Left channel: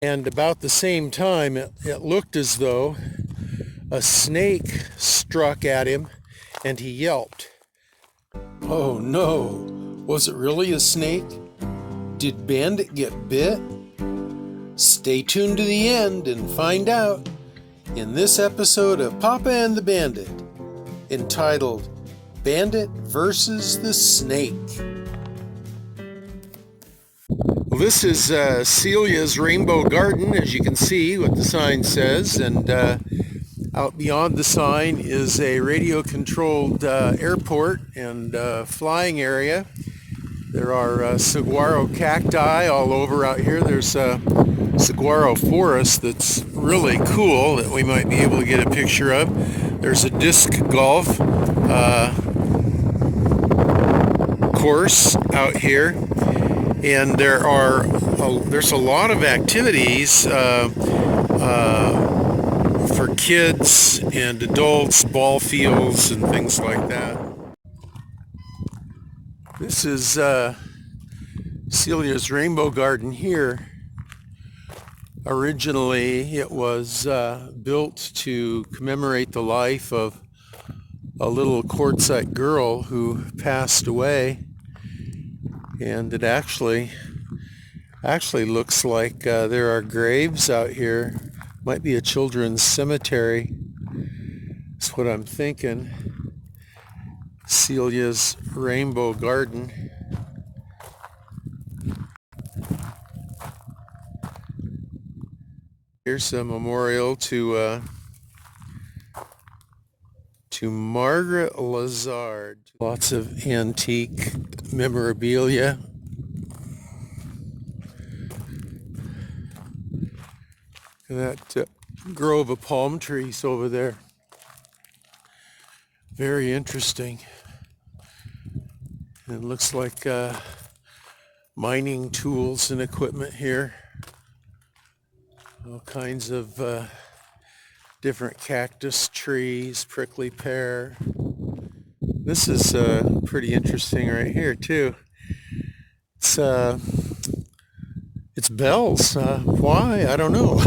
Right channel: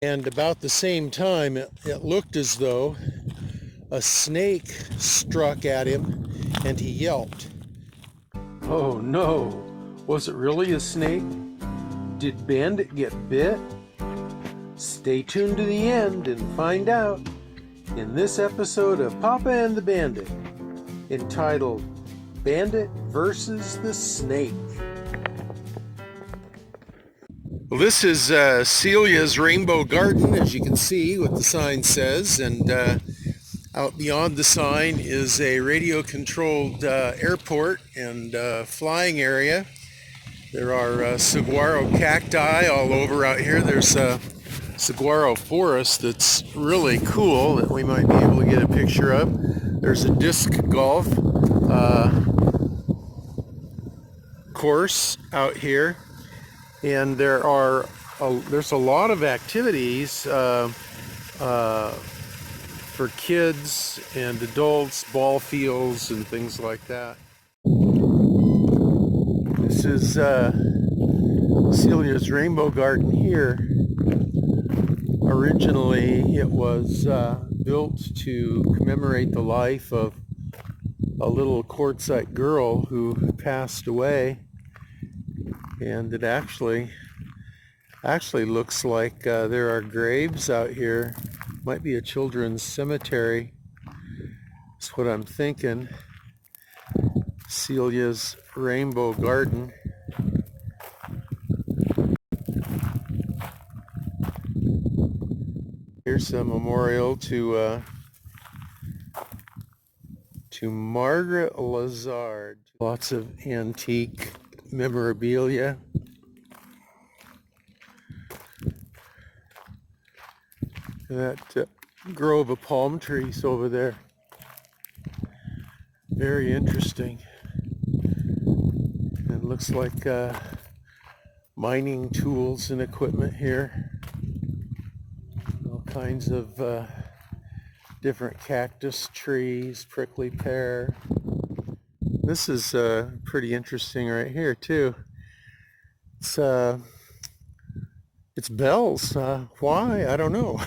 And about the same time, it looked as though a snake struck at him and he yelped. Oh no, was it really a snake? Did Bandit get bit? Stay tuned to the end and find out in this episode of Papa and the Bandit, entitled Bandit versus the Snake. Well, this is Celia's Rainbow Garden, as you can see what the sign says, and out beyond the sign is a radio-controlled airport and flying area. There are saguaro cacti all over out here. There's a saguaro forest that's really cool that we might be able to get a picture of. There's a disc golf course out here, and there's a lot of activities for kids and adults, ball fields and things like that. This is Celia's Rainbow Garden here. Originally it was built to commemorate the life of a little quartzite girl who passed away, and it actually looks like there are graves out here. Might be a children's cemetery. That's what I'm thinking. Celia's Rainbow Garden. Here's a memorial to Margaret Lazard. Lots of antique memorabilia. And that grove of palm trees over there. Very interesting. It looks like mining tools and equipment here. All kinds of different cactus trees, prickly pear. This is pretty interesting right here too. It's bells. Why? I don't know.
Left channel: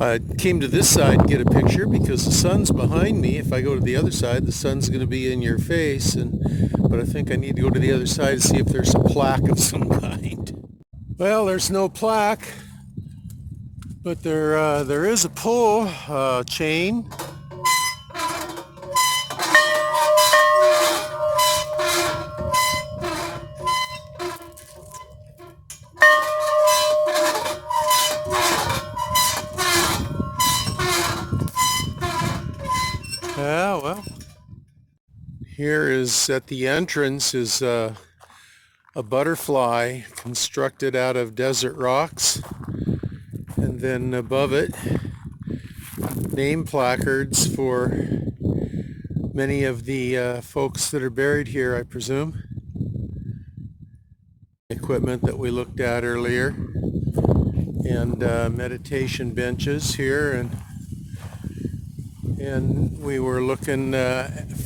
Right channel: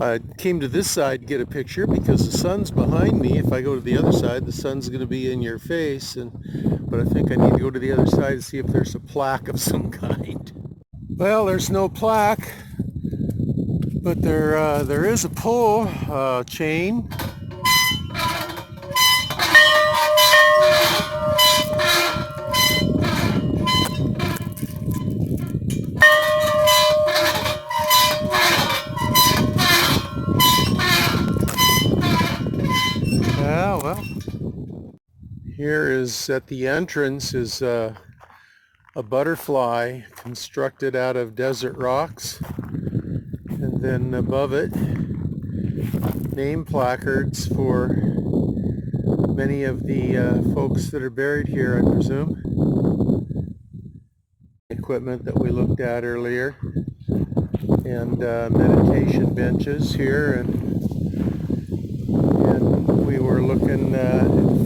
I came to this side to get a picture because the sun's behind me. If I go to the other side, the sun's going to be in your face. But I think I need to go to the other side to see if there's a plaque of some kind. Well, there's no plaque, but there is a pull chain. Yeah, well, here is at the entrance is a butterfly constructed out of desert rocks, and then above it name placards for many of the folks that are buried here, I presume. Equipment that we looked at earlier, and meditation benches here, and we were looking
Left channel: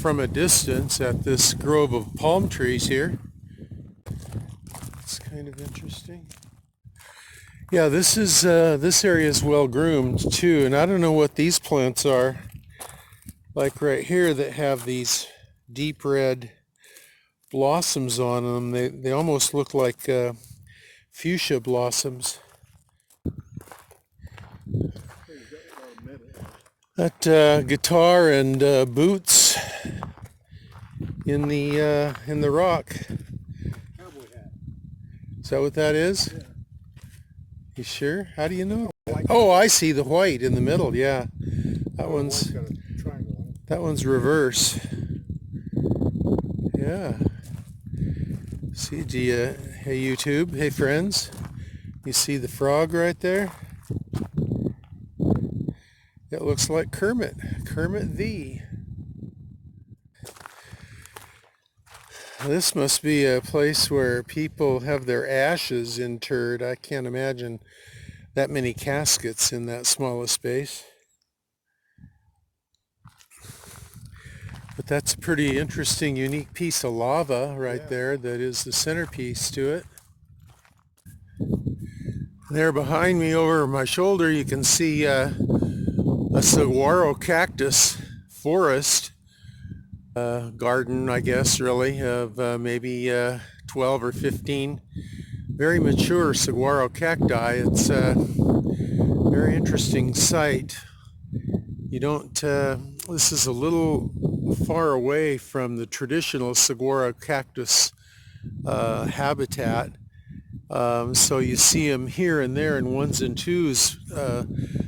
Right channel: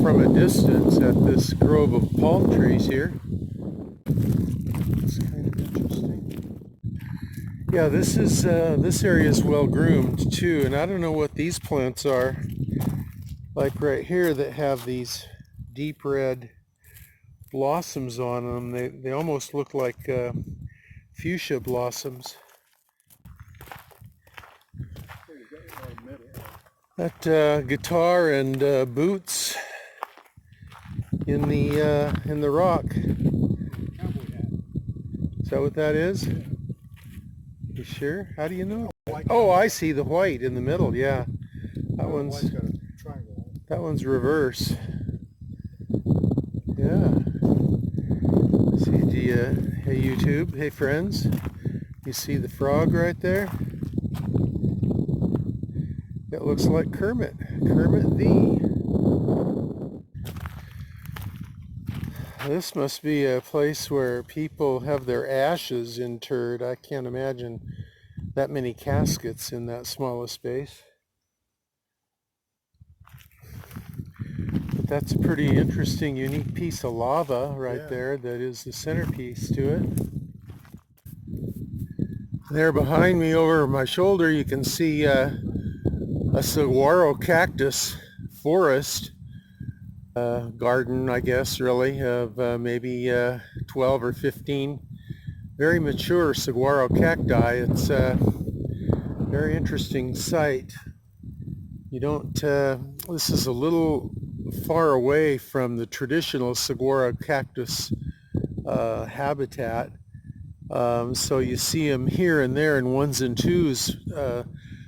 from a distance at this grove of palm trees here. It's kind of interesting. Yeah, this area is well groomed too, and I don't know what these plants are. Like right here, that have these deep red blossoms on them. They almost look like fuchsia blossoms. That guitar and boots in the rock. Is that what that is? Yeah. You sure? How do you know? Oh, I see the white in the middle. Yeah, that one's reverse. Yeah. See, hey YouTube, hey friends, you see the frog right there? It looks like Kermit the. This must be a place where people have their ashes interred. I can't imagine that many caskets in that small a space. But that's a pretty interesting, unique piece of lava right there that is the centerpiece to it. There behind me over my shoulder you can see a saguaro cactus forest garden, I guess, really, of maybe 12 or 15 very mature saguaro cacti. It's a very interesting sight. You don't, this is a little far away from the traditional saguaro cactus habitat. So you see them here and there in ones and twos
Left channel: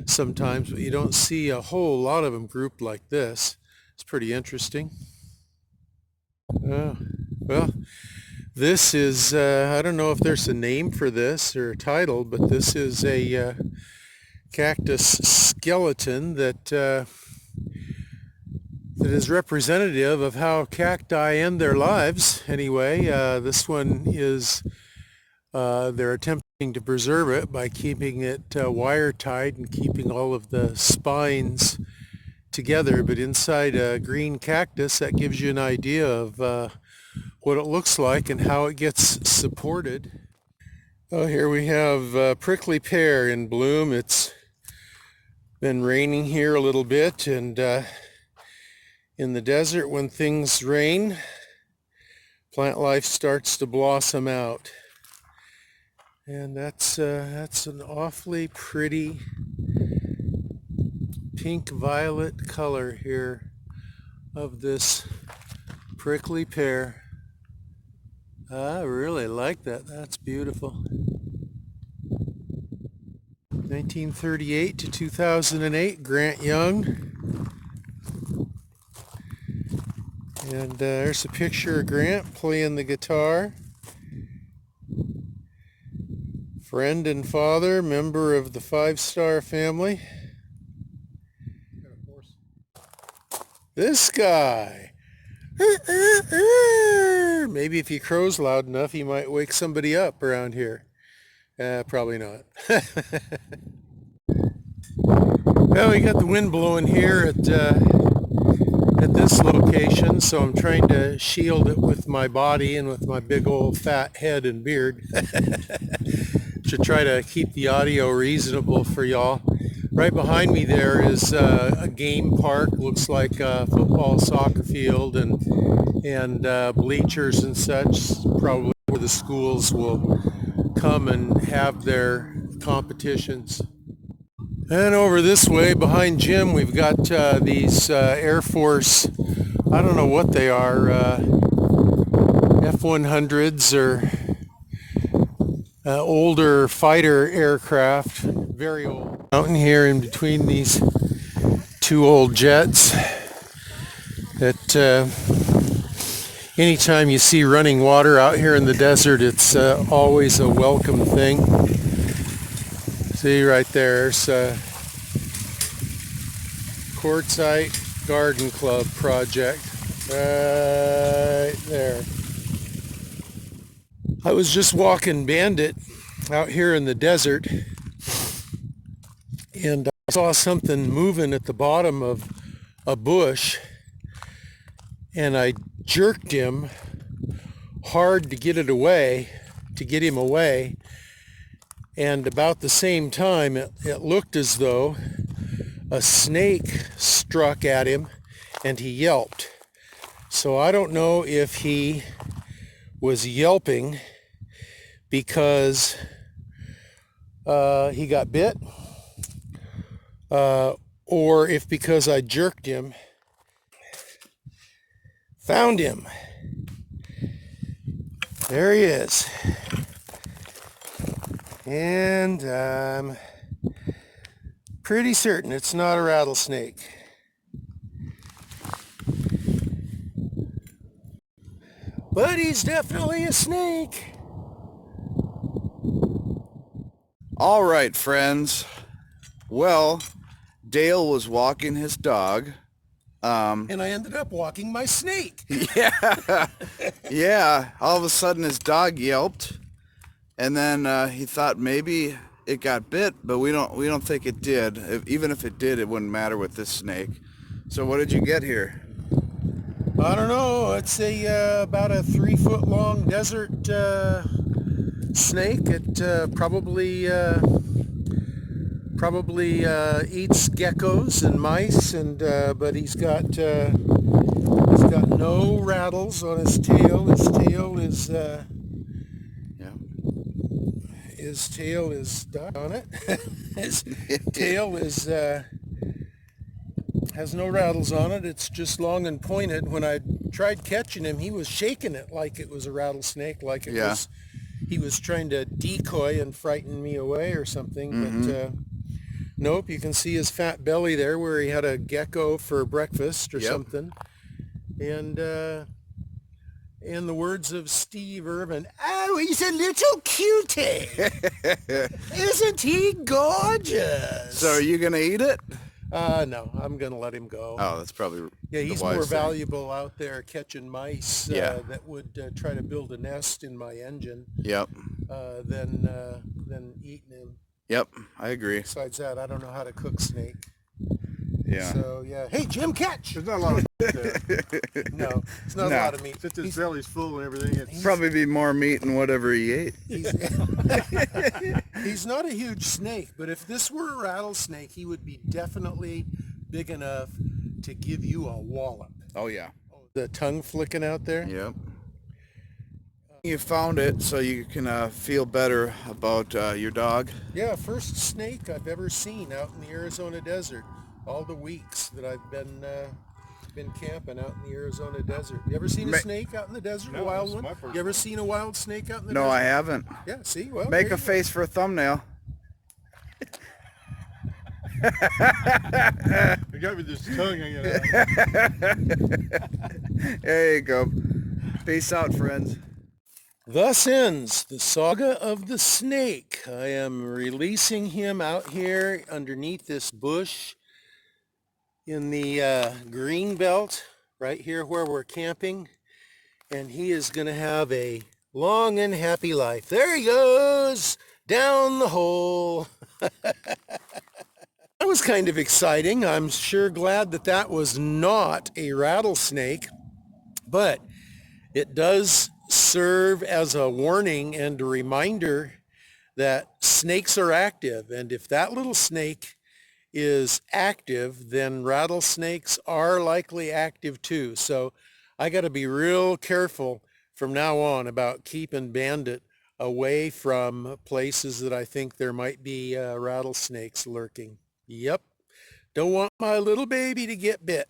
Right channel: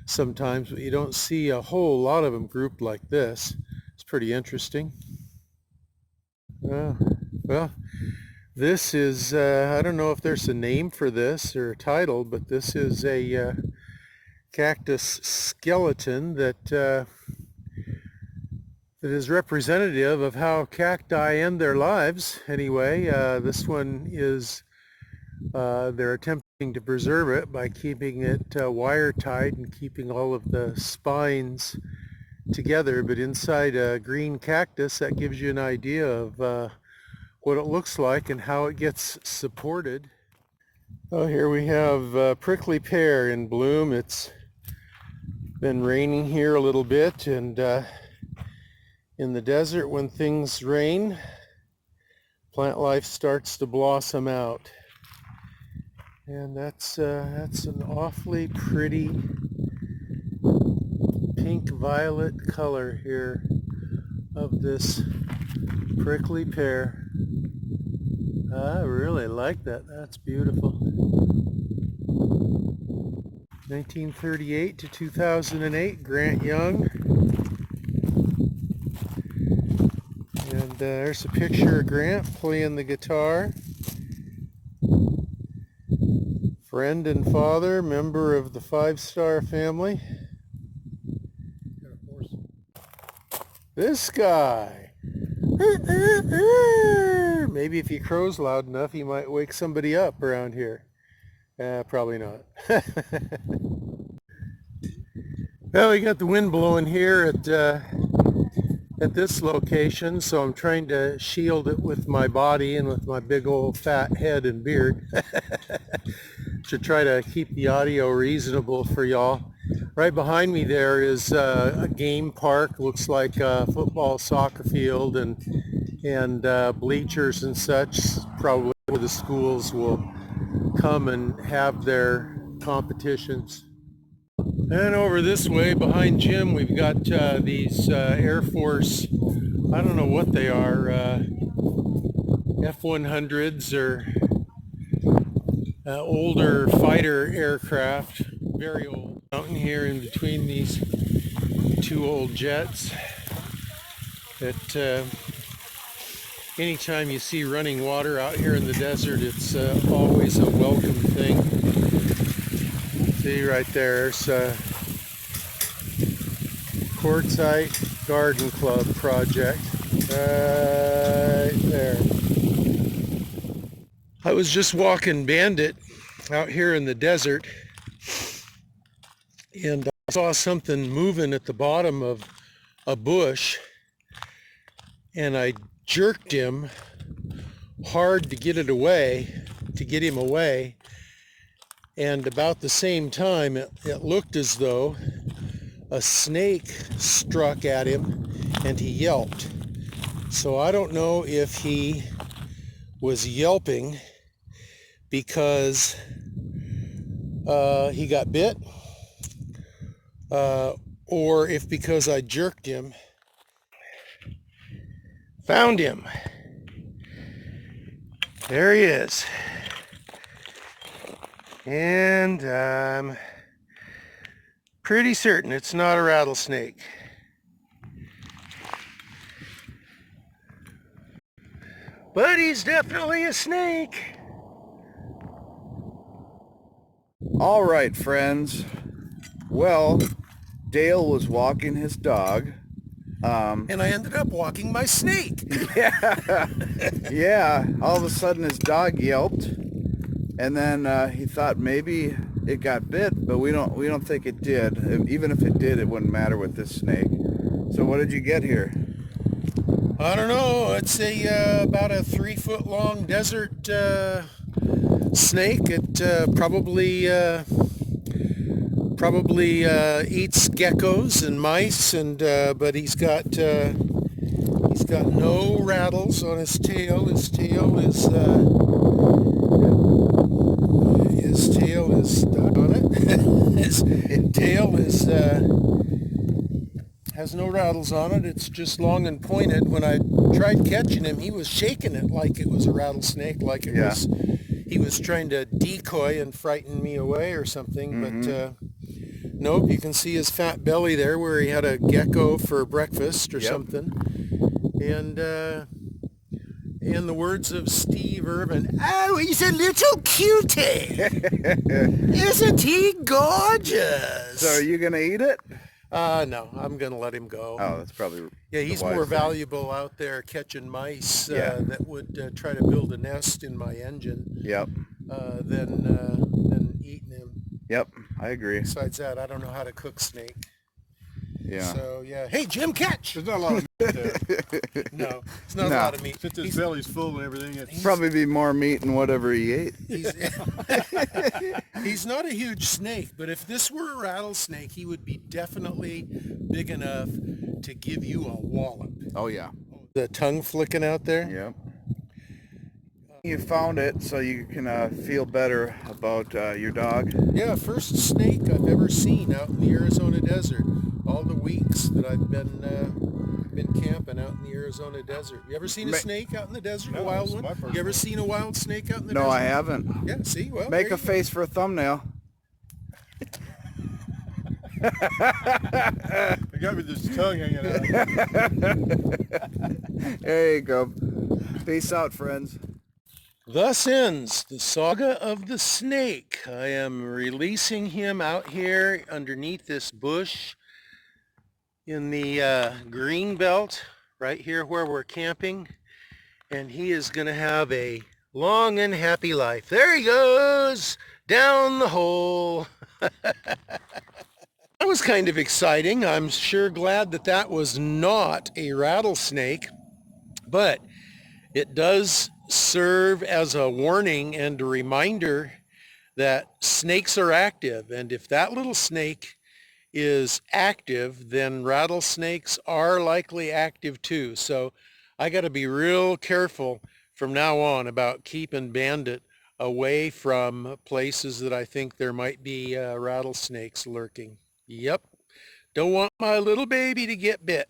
sometimes, but you don't see a whole lot of them grouped like this. It's pretty interesting. Well, this is, I don't know if there's a name for this or a title, but this is a cactus skeleton that is representative of how cacti end their lives. Anyway, this one is, they're attempting to preserve it by keeping it wire tied and keeping all of the spines together, but inside a green cactus, that gives you an idea of what it looks like and how it gets supported. Oh, here we have prickly pear in bloom. It's been raining here a little bit, and in the desert, when things rain, plant life starts to blossom out. And that's an awfully pretty pink violet color here of this prickly pear. I really like that. That's beautiful. 1938 to 2008, Grant Young. And there's a picture of Grant playing the guitar. Friend and father, member of the 5-star family. This guy. Maybe if he crows loud enough, he might wake somebody up around here. Probably not. Well, we got the wind blowing here at this location, so I'm trying to shield it with my body and with my big old fat head and beard to try to keep the audio reasonable for y'all. Right behind me there is a game park. Looks like a football, soccer field, and bleachers and such, probably where the schools will come and have their competitions. And over this way behind Jim, we've got these Air Force, I don't know what they are, F-100s or older fighter aircraft, very old. Mountain here in between these two old jets that anytime you see running water out here in the desert, it's always a welcome thing. See right there's Quartzite Garden Club project right there. I was just walking Bandit out here in the desert, and I saw something moving at the bottom of a bush, and I jerked him hard to get him away, and about the same time it looked as though a snake struck at him and he yelped. So I don't know if he was yelping because he got bit, or if because I jerked him. Found him. There he is. And I'm pretty certain it's not a rattlesnake. But he's definitely a snake. All right, friends. Well, Dale was walking his dog. And I ended up walking my snake. Yeah. All of a sudden his dog yelped, and then he thought maybe it got bit, but we don't think it did. Even if it did, it wouldn't matter with this snake. So what did you get here? I don't know. It's about a 3-foot long desert snake. It probably eats geckos and mice, and but he's got no rattles on his tail. His tail is stuck on it. His tail has no rattles on it. It's just long and pointed. When I tried catching him, he was shaking it like it was a rattlesnake, like it was he was trying to decoy and frighten me away or something. But nope, you can see his fat belly there where he had a gecko for breakfast or something. And in the words of Steve Irvin, oh, he's a little cutie. Isn't he gorgeous? So are you going to eat it? No, I'm going to let him go. Oh, that's probably he's more valuable out there catching mice that would try to build a nest in my engine than eating him. Yep, I agree. Besides that, I don't know how to cook snake. Yeah. So, hey, Jim, catch! There's not a lot of No, it's not a lot of meat. Since his belly's full and everything. Probably be more meat than whatever he ate. He's not a huge snake, but if this were a rattlesnake, he would be definitely big enough to give you a wallop. Oh, yeah. The tongue flicking out there? Yep. You found it so you can feel better about your dog? Yeah, first snake I've ever seen out in the Arizona desert. All the weeks that I've been camping out in the Arizona desert. You ever seen a snake out in the desert, a wild one? You ever seen a wild snake out in the desert? No, I haven't. Yeah, see? Well, make a face for a thumbnail. You got me this tongue hanging out. There you go. Peace out, friends. Thus ends the saga of the snake. I am releasing him out here underneath this bush in the green belt right here where we're camping, and he is going to have a long and happy life. There he goes down the hole. That was kind of exciting. I'm sure glad that that was not a rattlesnake, but it does serve as a warning and a reminder that snakes are active, and if that little snake is active, then rattlesnakes are likely active too. So I got to be real careful from now on about keeping Bandit away from places that I think there might be rattlesnakes lurking. Yep, don't want my little baby to get bit.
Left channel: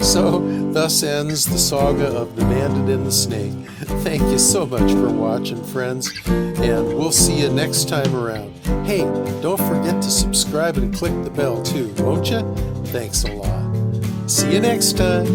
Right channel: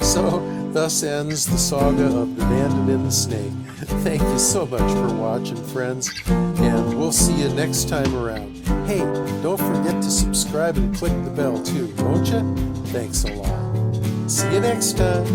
So thus ends the saga of the Bandit and the Snake. Thank you so much for watching, friends, and we'll see you next time around. Hey, don't forget to subscribe and click the bell too, won't you? Thanks a lot. See you next time.